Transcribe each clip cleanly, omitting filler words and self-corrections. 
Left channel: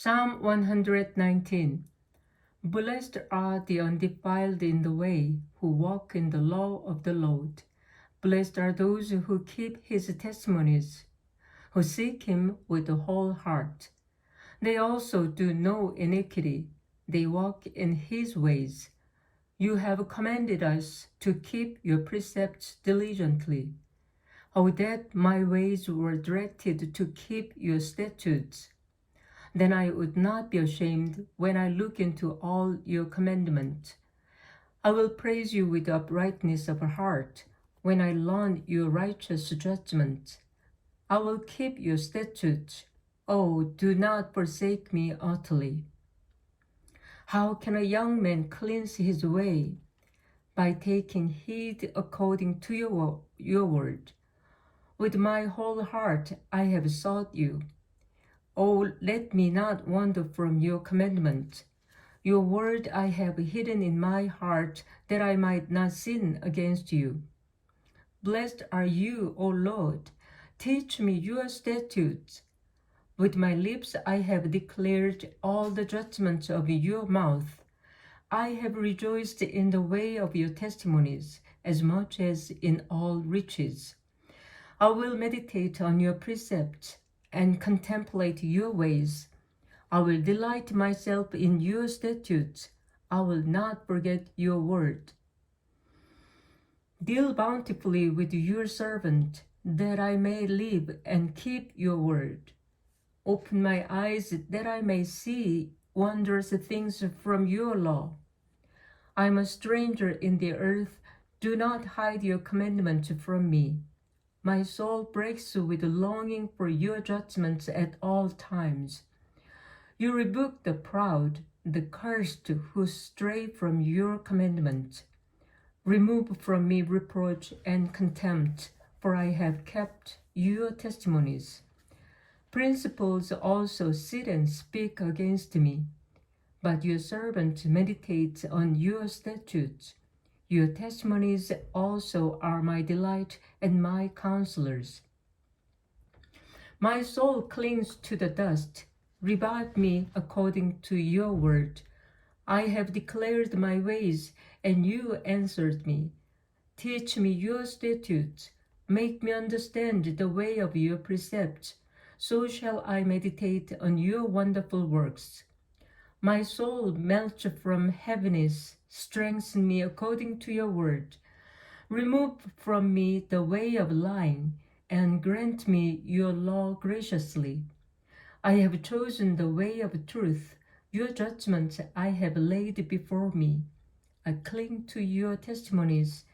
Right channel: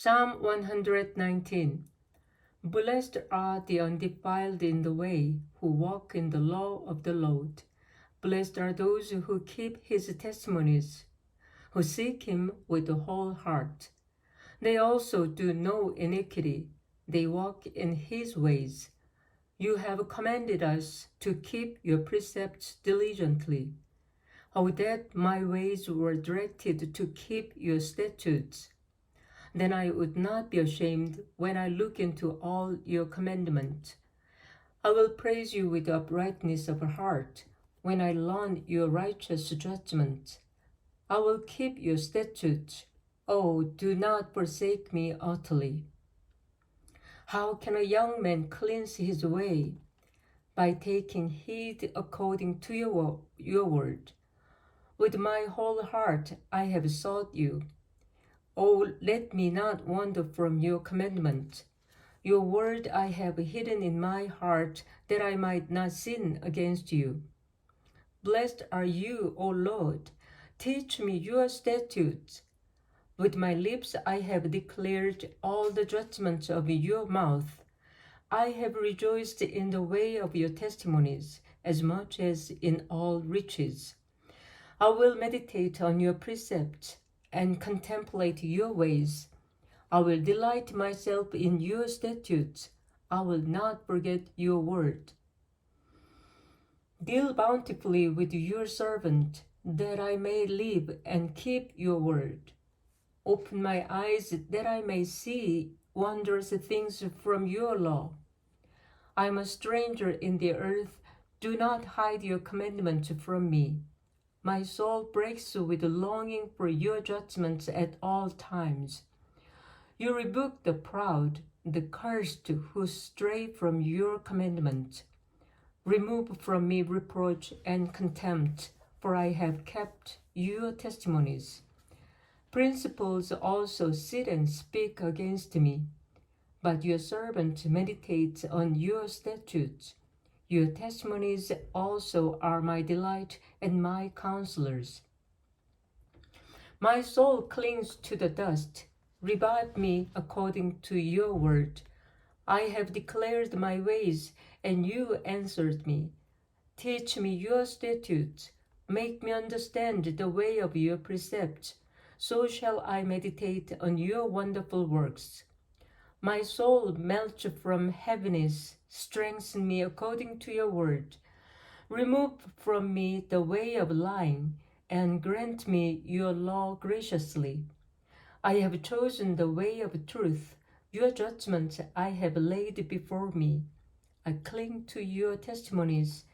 Psalm 119. Blessed are the undefiled in the way, who walk in the law of the Lord. Blessed are those who keep his testimonies, who seek him with the whole heart. They also do no iniquity. They walk in his ways. You have commanded us to keep your precepts diligently. Oh, that my ways were directed to keep your statutes. Then I would not be ashamed when I look into all your commandments. I will praise you with uprightness of heart when I learn your righteous judgment. I will keep your statutes. Oh, do not forsake me utterly. How can a young man cleanse his way? By taking heed according to your word. With my whole heart I have sought you. Oh, let me not wander from your commandment. Your word I have hidden in my heart, that I might not sin against you. Blessed are you, O Lord. Teach me your statutes. With my lips I have declared all the judgments of your mouth. I have rejoiced in the way of your testimonies, as much as in all riches. I will meditate on your precepts and contemplate your ways. I will delight myself in your statutes. I will not forget your word. Deal bountifully with your servant, that I may live and keep your word. Open my eyes that I may see wondrous things from your law. I am a stranger in the earth. Do not hide your commandment from me. My soul breaks with longing for your judgments at all times. You rebuke the proud, the cursed who stray from your commandment. Remove from me reproach and contempt, for I have kept your testimonies. Principles also sit and speak against me, but your servant meditates on your statutes. Your testimonies also are my delight and my counselors. My soul clings to the dust. Revive me according to your word. I have declared my ways, and you answered me. Teach me your statutes. Make me understand the way of your precepts. So shall I meditate on your wonderful works. My soul melts from heaviness. Strengthen me according to your word. Remove from me the way of lying, and grant me your law graciously. I have chosen the way of truth. Your judgments I have laid before me. I cling to your testimonies.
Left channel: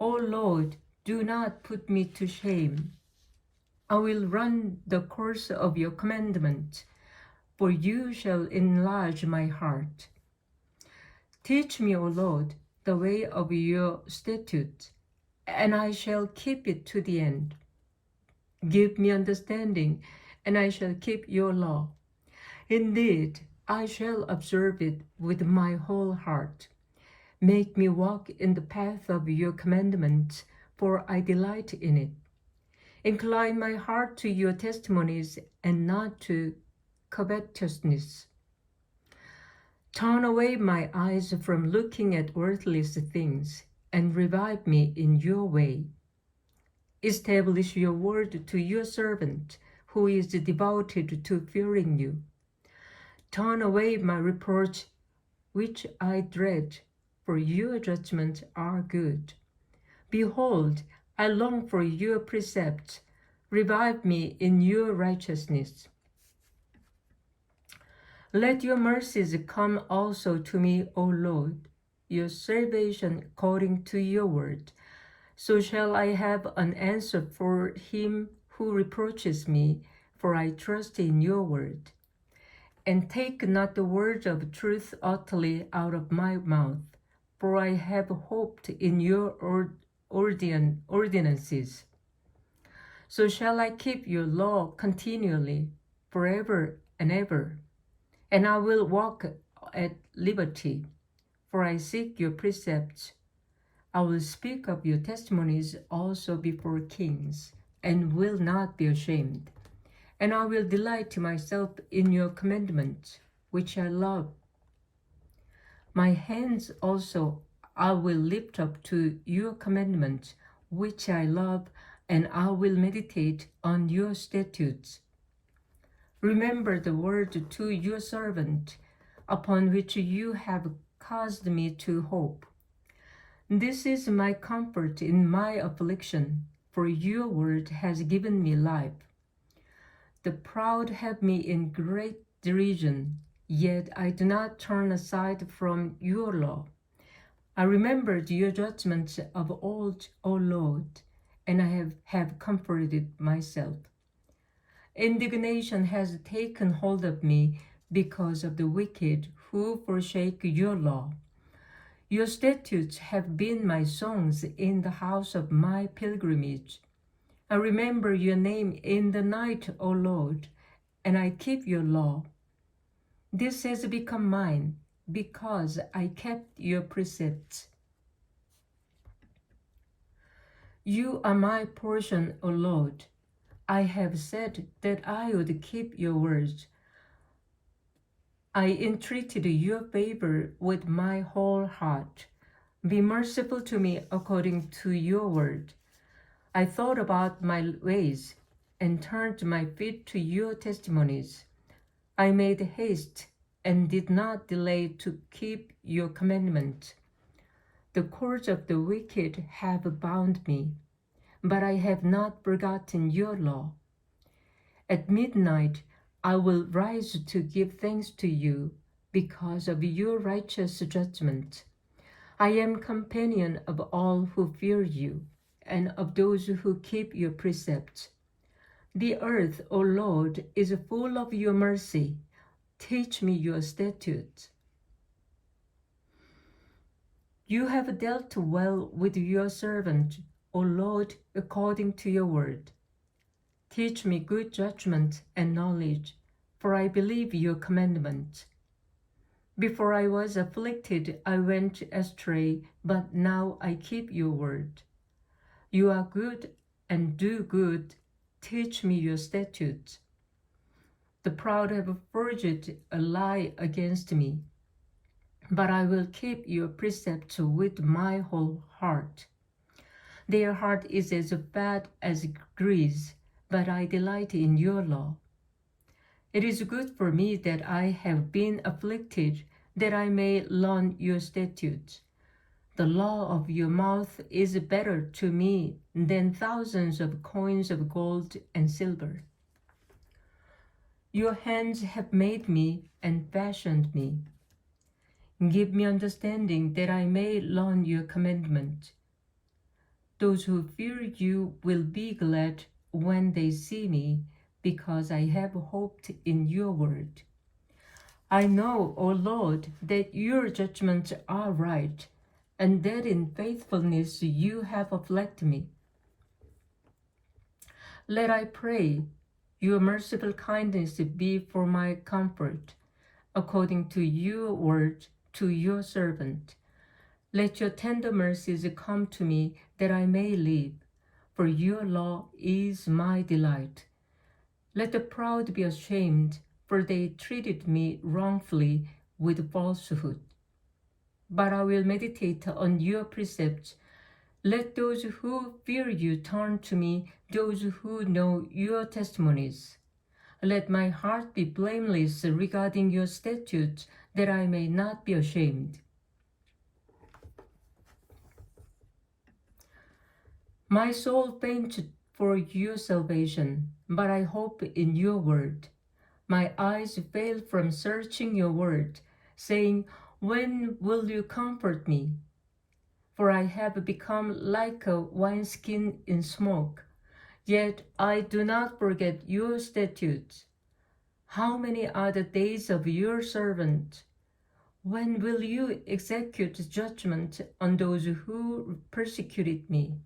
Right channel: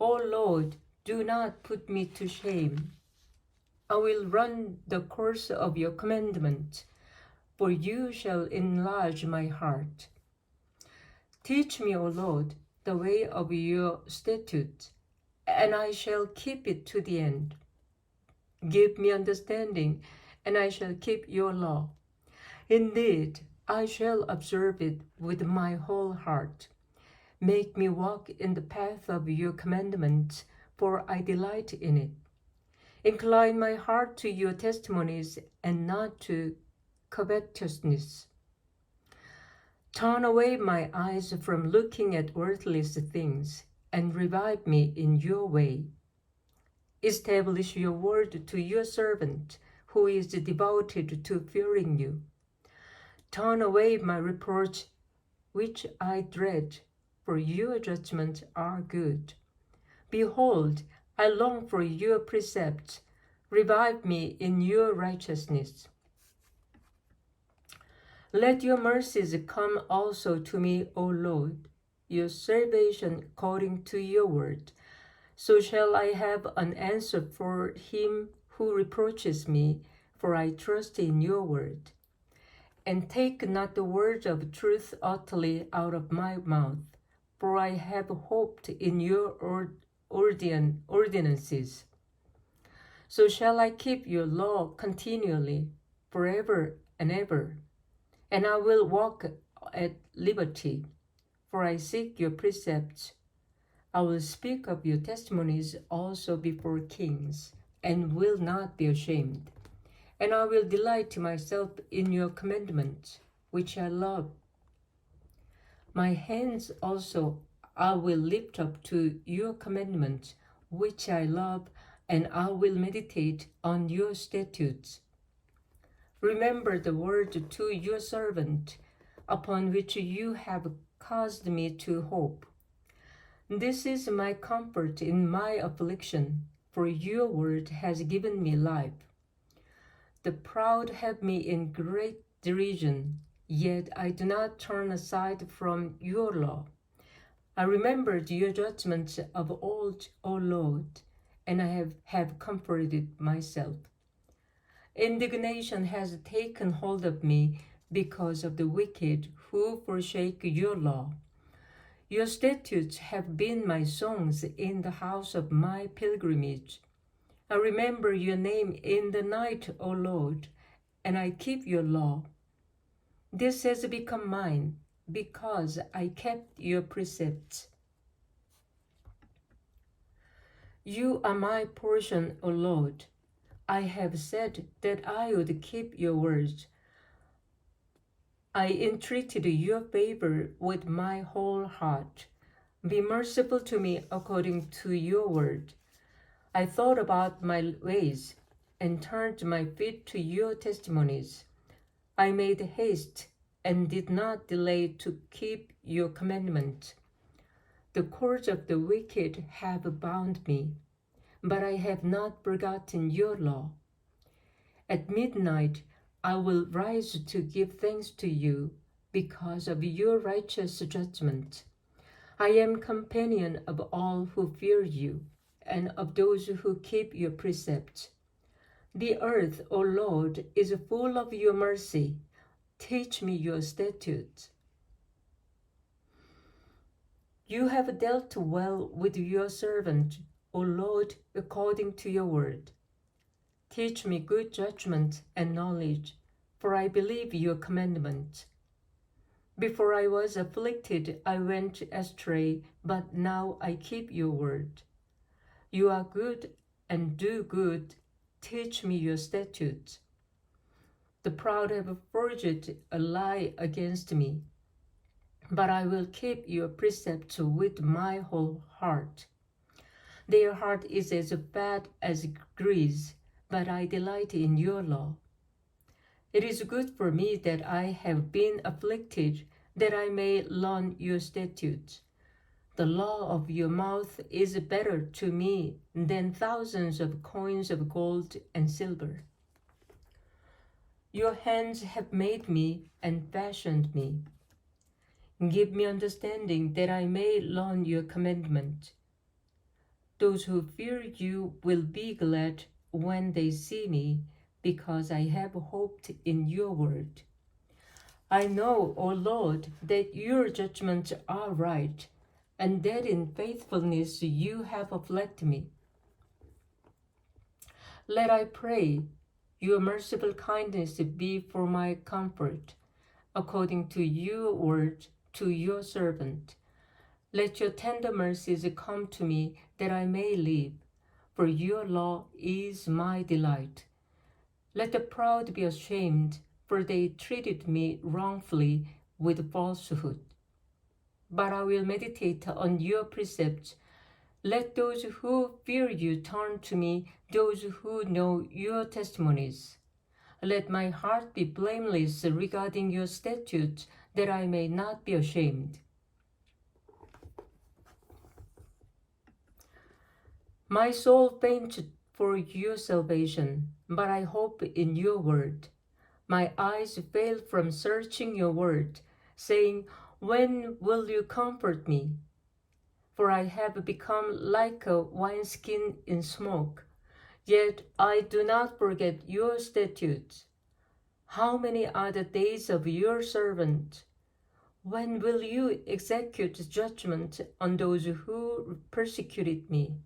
O Lord, do not put me to shame. I will run the course of your commandment, for you shall enlarge my heart. Teach me, O Lord, the way of your statutes, and I shall keep it to the end. Give me understanding, and I shall keep your law. Indeed, I shall observe it with my whole heart. Make me walk in the path of your commandments, for I delight in it. Incline my heart to your testimonies and not to covetousness. Turn away my eyes from looking at worthless things, and revive me in your way. Establish your word to your servant, who is devoted to fearing you. Turn away my reproach, which I dread, for your judgments are good. Behold, I long for your precepts. Revive me in your righteousness. Let your mercies come also to me, O Lord, your salvation according to your word. So shall I have an answer for him who reproaches me, for I trust in your word. And take not the word of truth utterly out of my mouth, for I have hoped in your ordinances. So shall I keep your law continually, forever and ever. And I will walk at liberty, for I seek your precepts. I will speak of your testimonies also before kings, and will not be ashamed. and I will delight myself in your commandments, which I love. My hands also I will lift up to your commandments, which I love, and I will meditate on your statutes. Remember the word to your servant, upon which you have caused me to hope. This is my comfort in my affliction, for your word has given me life. The proud have me in great derision, yet I do not turn aside from your law. I remembered your judgments of old, O Lord, and I have comforted myself. Indignation has taken hold of me because of the wicked who forsake your law. Your statutes have been my songs in the house of my pilgrimage. I remember your name in the night, O Lord, and I keep your law. This has become mine because I kept your precepts. You are my portion, O Lord. I have said that I would keep your words. I entreated your favor with my whole heart. Be merciful to me according to your word. I thought about my ways and turned my feet to your testimonies. I made haste and did not delay to keep your commandment. The cords of the wicked have bound me, but I have not forgotten your law. At midnight I will rise to give thanks to you because of your righteous judgment. I am companion of all who fear you and of those who keep your precepts. The earth, O Lord, is full of your mercy. Teach me your statutes. You have dealt well with your servant, O Lord, according to your word. Teach me good judgment and knowledge, for I believe your commandment. Before I was afflicted, I went astray, but now I keep your word. You are good and do good. Teach me your statutes. The proud have forged a lie against me, but I will keep your precepts with my whole heart. Their heart is as bad as grease, but I delight in your law. It is good for me that I have been afflicted, that I may learn your statutes. The law of your mouth is better to me than thousands of coins of gold and silver. Your hands have made me and fashioned me. Give me understanding that I may learn your commandment. Those who fear you will be glad when they see me, because I have hoped in your word. I know, O Lord, that your judgments are right, and that in faithfulness you have afflicted me. Let I pray, your merciful kindness be for my comfort, according to your word to your servant. Let your tender mercies come to me, that I may live, for your law is my delight. Let the proud be ashamed, for they treated me wrongfully with falsehood. But I will meditate on your precepts. Let those who fear you turn to me, those who know your testimonies. Let my heart be blameless regarding your statutes, that I may not be ashamed. My soul fainted for your salvation, but I hope in your word. My eyes fail from searching your word, saying, when will you comfort me? For I have become like a wineskin in smoke, yet I do not forget your statutes. How many are the days of your servant? When will you execute judgment on those who persecuted me?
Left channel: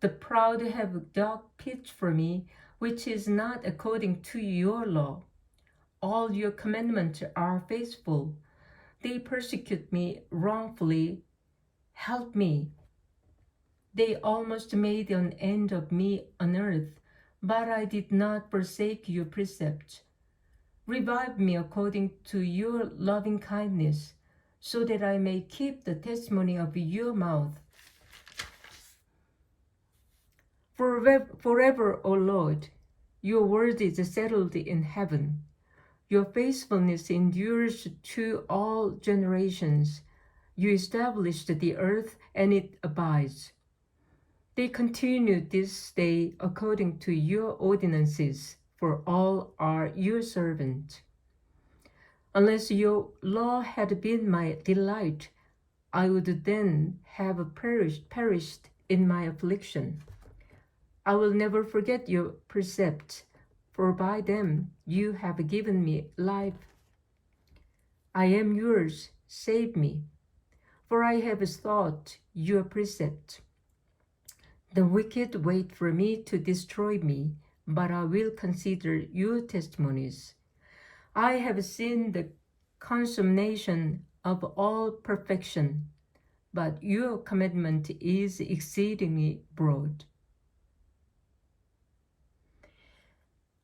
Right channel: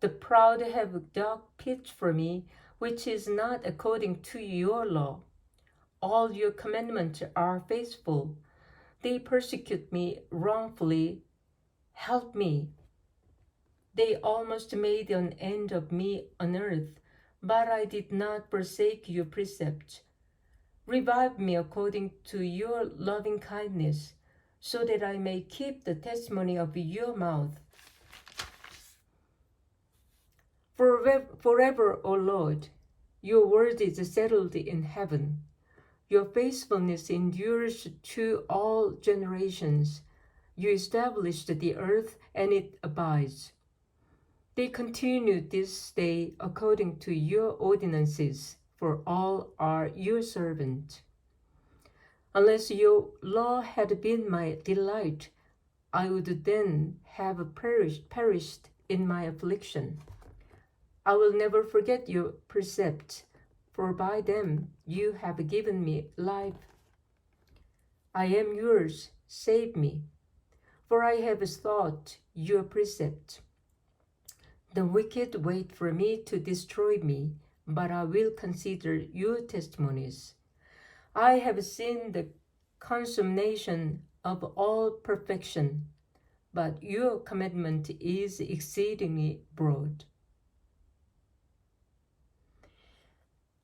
The proud have dug pits for me, which is not according to your law. All your commandments are faithful. They persecute me wrongfully. Help me. They almost made an end of me on earth, but I did not forsake your precepts. Revive me according to your loving kindness, so that I may keep the testimony of your mouth. Forever, O Lord, your word is settled in heaven. Your faithfulness endures to all generations. You established the earth, and it abides. They continue this day according to your ordinances, for all are your servants. Unless your law had been my delight, I would then have perished in my affliction. I will never forget your precepts, for by them you have given me life. I am yours, save me, for I have thought your precepts. The wicked wait for me to destroy me, but I will consider your testimonies. I have seen the consummation of all perfection, but your commandment is exceedingly broad.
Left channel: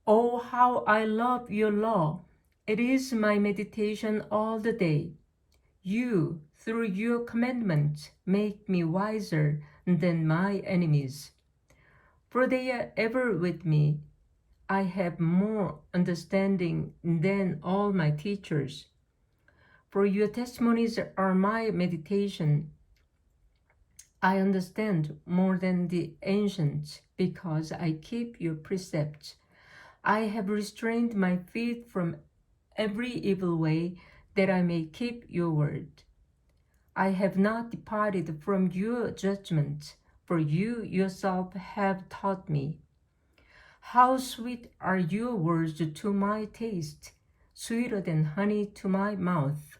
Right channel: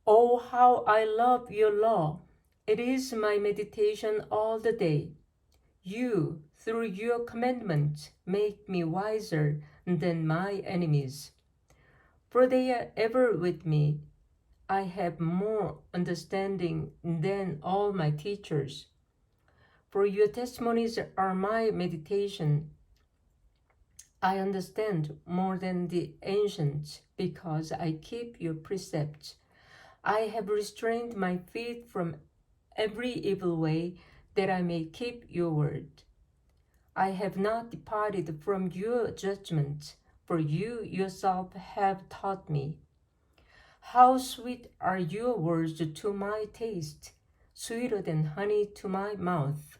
Oh, how I love your law! It is my meditation all the day. You, through your commandments, make me wiser than my enemies. For they are ever with me. I have more understanding than all my teachers. For your testimonies are my meditation. I understand more than the ancients, because I keep your precepts. I have restrained my feet from every evil way, that I may keep your word. I have not departed from your judgment, for you yourself have taught me. How sweet are your words to my taste, sweeter than honey to my mouth.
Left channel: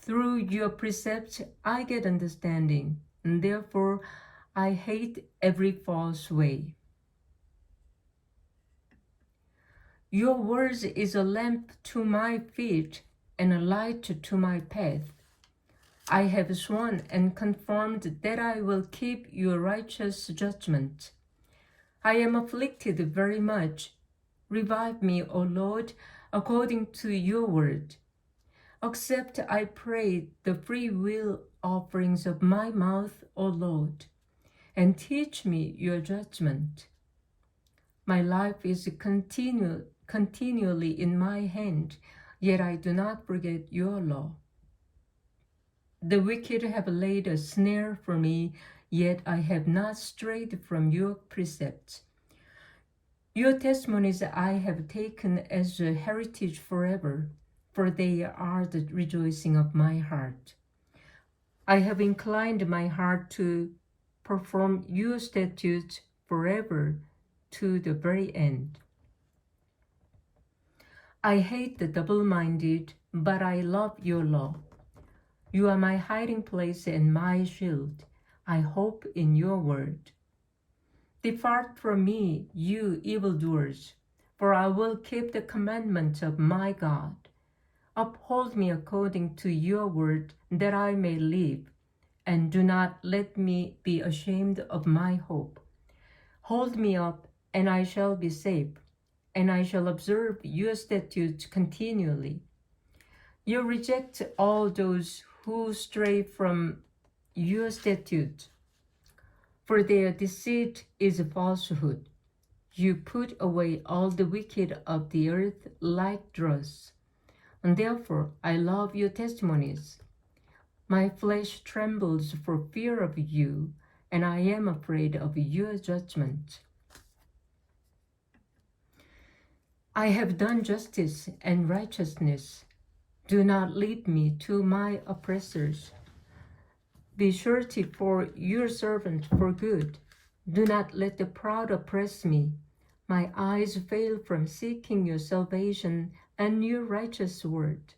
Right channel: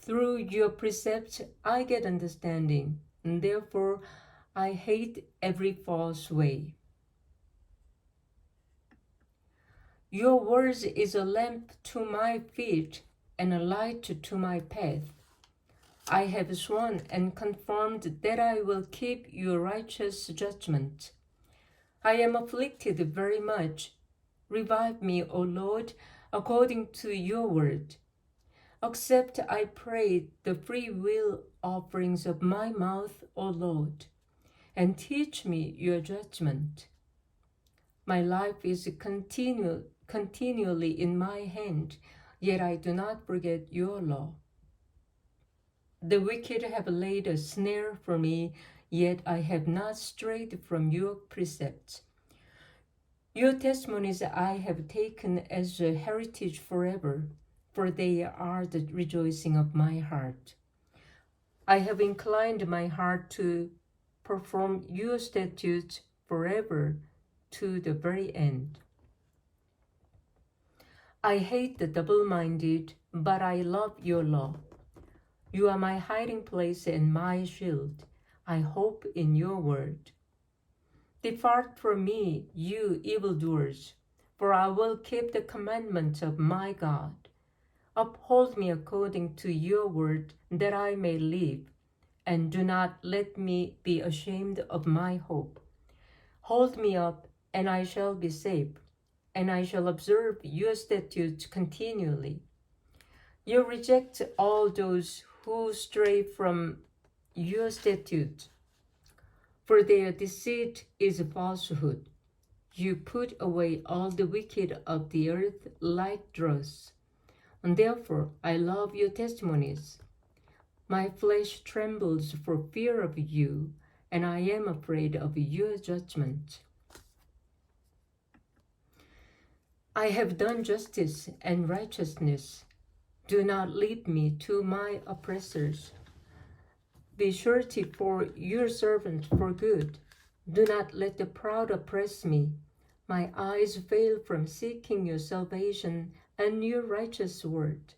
Through your precepts I get understanding, and therefore I hate every false way. Your words is a lamp to my feet and a light to my path. I have sworn and confirmed that I will keep your righteous judgment. I am afflicted very much. Revive me, O Lord, according to your word. Accept, I pray, the free will offerings of my mouth, O Lord, and teach me your judgment. My life is continually in my hand, yet I do not forget your law. The wicked have laid a snare for me, yet I have not strayed from your precepts. Your testimonies I have taken as a heritage forever, for they are the rejoicing of my heart. I have inclined my heart to perform your statutes forever to the very end. I hate the double-minded, but I love your law. You are my hiding place and my shield. I hope in your word. Depart from me, you evildoers, for I will keep the commandments of my God. Uphold me according to your word, that I may live, and do not let me be ashamed of my hope. Hold me up, and I shall be safe, and I shall observe your statutes continually. You reject all those who stray from your statute, for their deceit is falsehood. You put away all the wicked of the earth like dross, and therefore I love your testimonies. My flesh trembles for fear of you, and I am afraid of your judgment. I have done justice and righteousness. Do not lead me to my oppressors. Be surety for your servant for good. Do not let the proud oppress me. My eyes fail from seeking your salvation and your righteous word.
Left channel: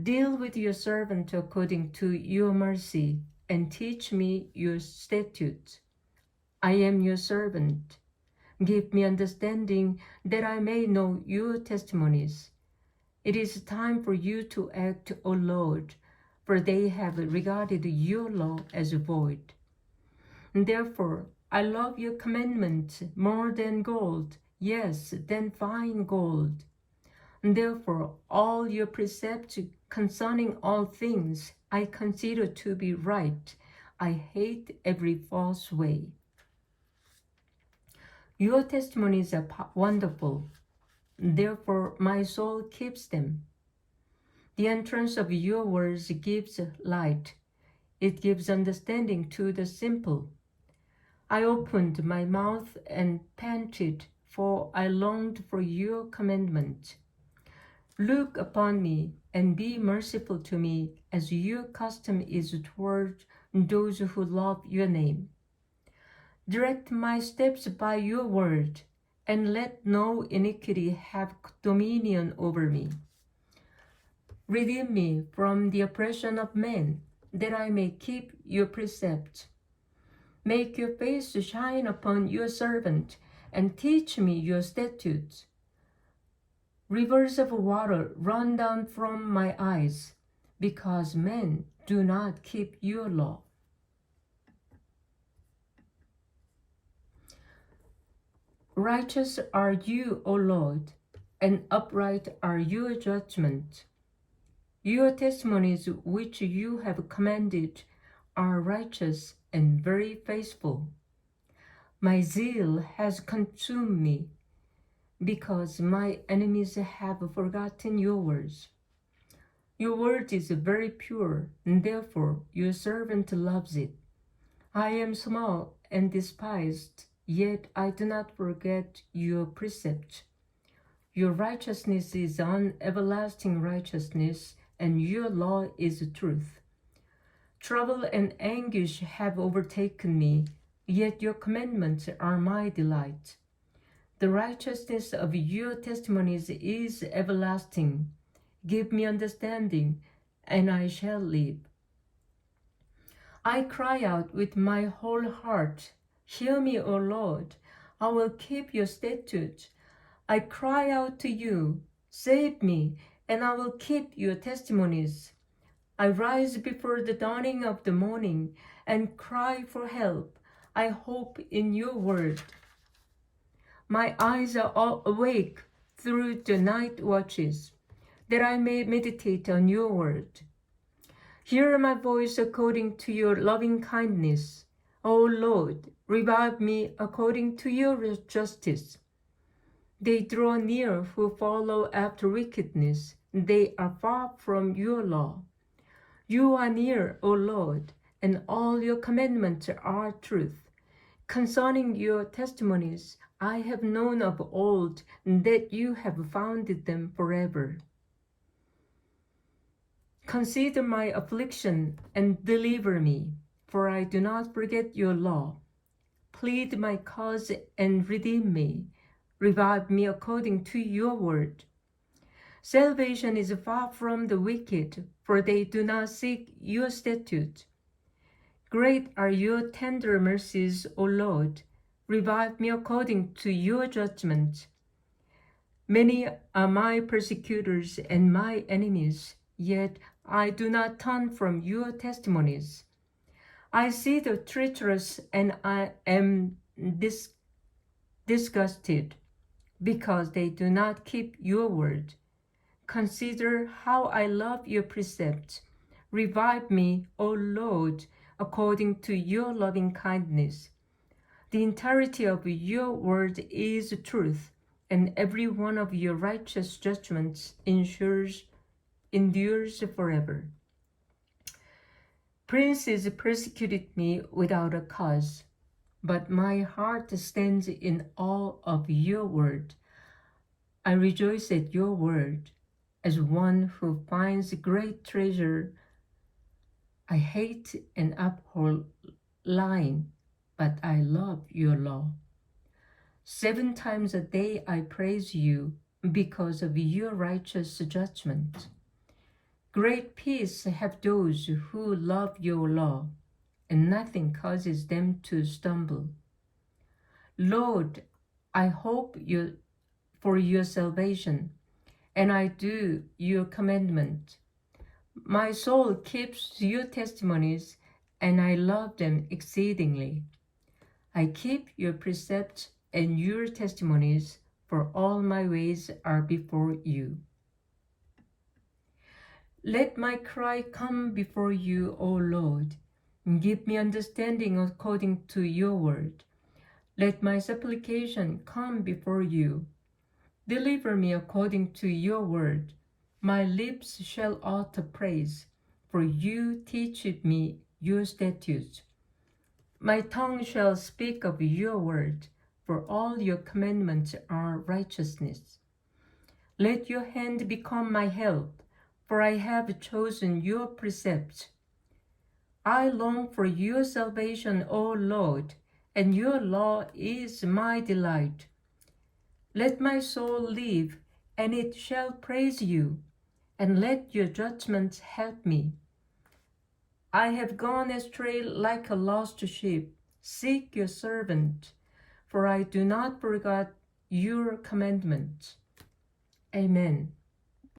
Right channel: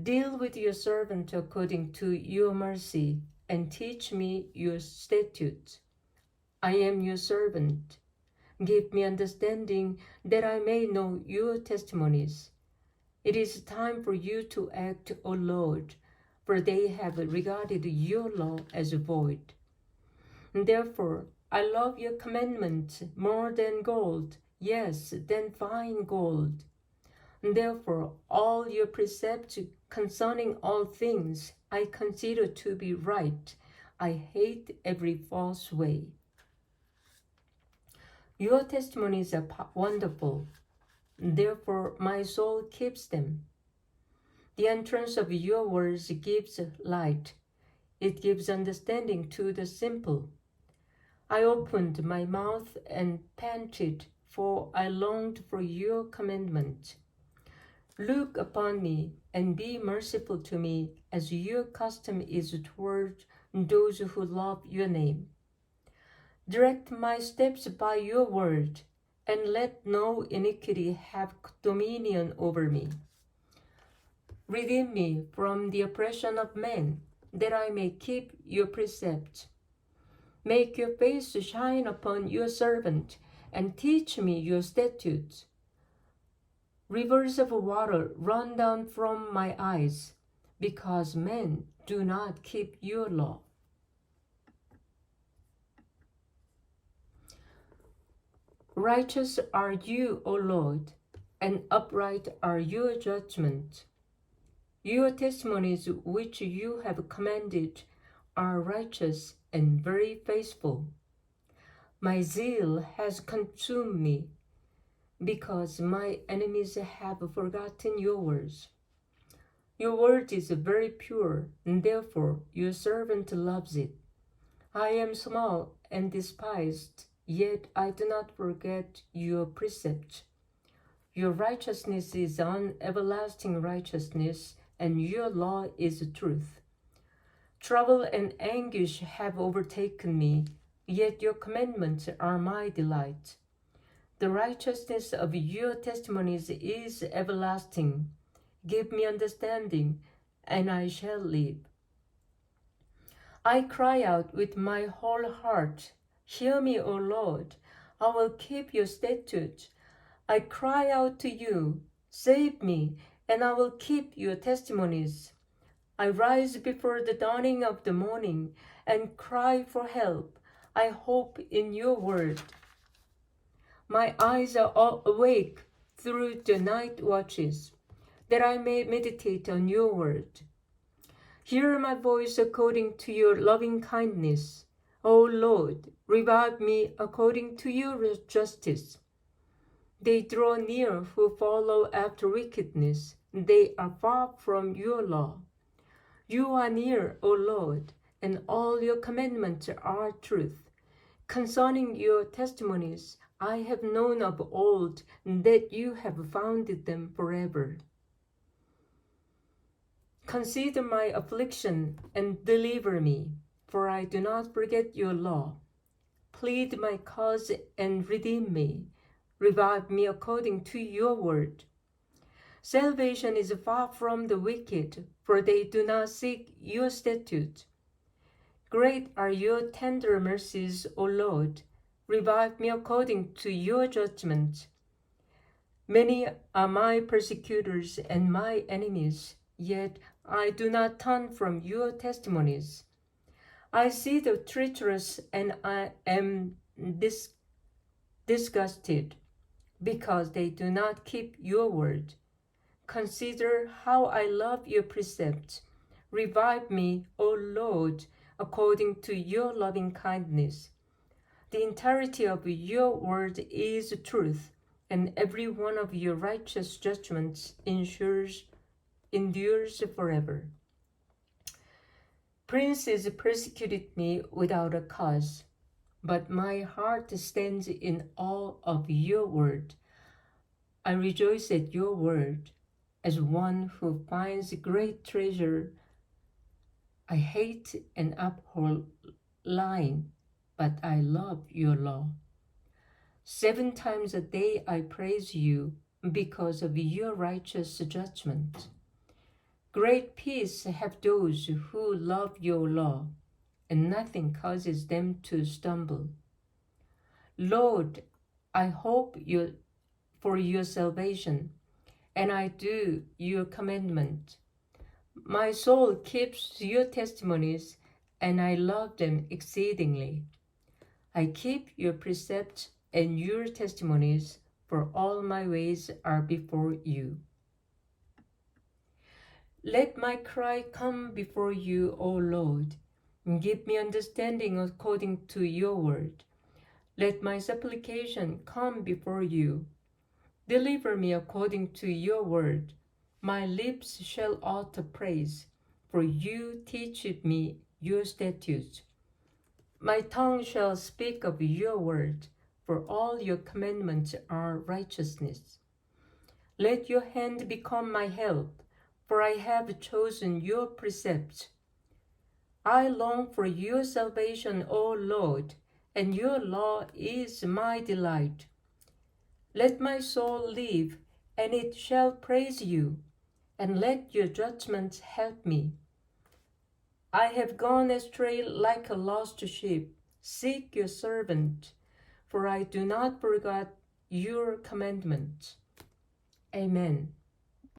Deal with your servant according to your mercy, and teach me your statutes. I am your servant. Give me understanding, that I may know your testimonies. It is time for you to act, O Lord, for they have regarded your law as void. Therefore, I love your commandment more than gold, yes, than fine gold. Therefore, all your precepts concerning all things I consider to be right. I hate every false way. Your testimonies are wonderful. Therefore, my soul keeps them. The entrance of your words gives light. It gives understanding to the simple. I opened my mouth and panted, for I longed for your commandment. Look upon me and be merciful to me, as your custom is toward those who love your name. Direct my steps by your word, and let no iniquity have dominion over me. Redeem me from the oppression of men, that I may keep your precepts. Make your face shine upon your servant, and teach me your statutes. Rivers of water run down from my eyes, because men do not keep your law. Righteous are you, O Lord, and upright are your judgments. Your testimonies which you have commanded are righteous and very faithful. My zeal has consumed me, because my enemies have forgotten your words. Your word is very pure, and therefore your servant loves it. I am small and despised, yet I do not forget your precept. Your righteousness is an everlasting righteousness, and your law is truth. Trouble and anguish have overtaken me, yet your commandments are my delight. The righteousness of your testimonies is everlasting. Give me understanding, and I shall live. I cry out with my whole heart, hear me, O Lord. I will keep your statutes. I cry out to you, save me, and I will keep your testimonies. I rise before the dawning of the morning and cry for help. I hope in your word. My eyes are all awake through the night watches, that I may meditate on your word. Hear my voice according to your loving kindness. O Lord, revive me according to your justice. They draw near who follow after wickedness. They are far from your law. You are near, O Lord, and all your commandments are truth. Concerning your testimonies, I have known of old that you have founded them forever. Consider my affliction and deliver me, for I do not forget your law. Plead my cause and redeem me. Revive me according to your word. Salvation is far from the wicked, for they do not seek your statutes. Great are your tender mercies, O Lord. Revive me according to your judgment. Many are my persecutors and my enemies, yet I do not turn from your testimonies. I see the treacherous, and I am disgusted, because they do not keep your word. Consider how I love your precepts. Revive me, O Lord, according to your loving kindness. The entirety of your word is truth, and every one of your righteous judgments endures forever. Princes persecuted me without a cause, but my heart stands in awe of your word. I rejoice at your word, as one who finds great treasure. I hate and abhor lying, but I love your law. 7 times a day I praise you because of your righteous judgment. Great peace have those who love your law, and nothing causes them to stumble. Lord, I hope for your salvation, and I do your commandment. My soul keeps your testimonies, and I love them exceedingly. I keep your precepts and your testimonies, for all my ways are before you. Let my cry come before you, O Lord. Give me understanding according to your word. Let my supplication come before you. Deliver me according to your word. My lips shall utter praise, for you teach me your statutes. My tongue shall speak of your word, for all your commandments are righteousness. Let your hand become my help, for I have chosen your precepts. I long for your salvation, O Lord, and your law is my delight. Let my soul live, and it shall praise you, and let your judgments help me. I have gone astray like a lost sheep. Seek your servant, for I do not forget your commandments. Amen.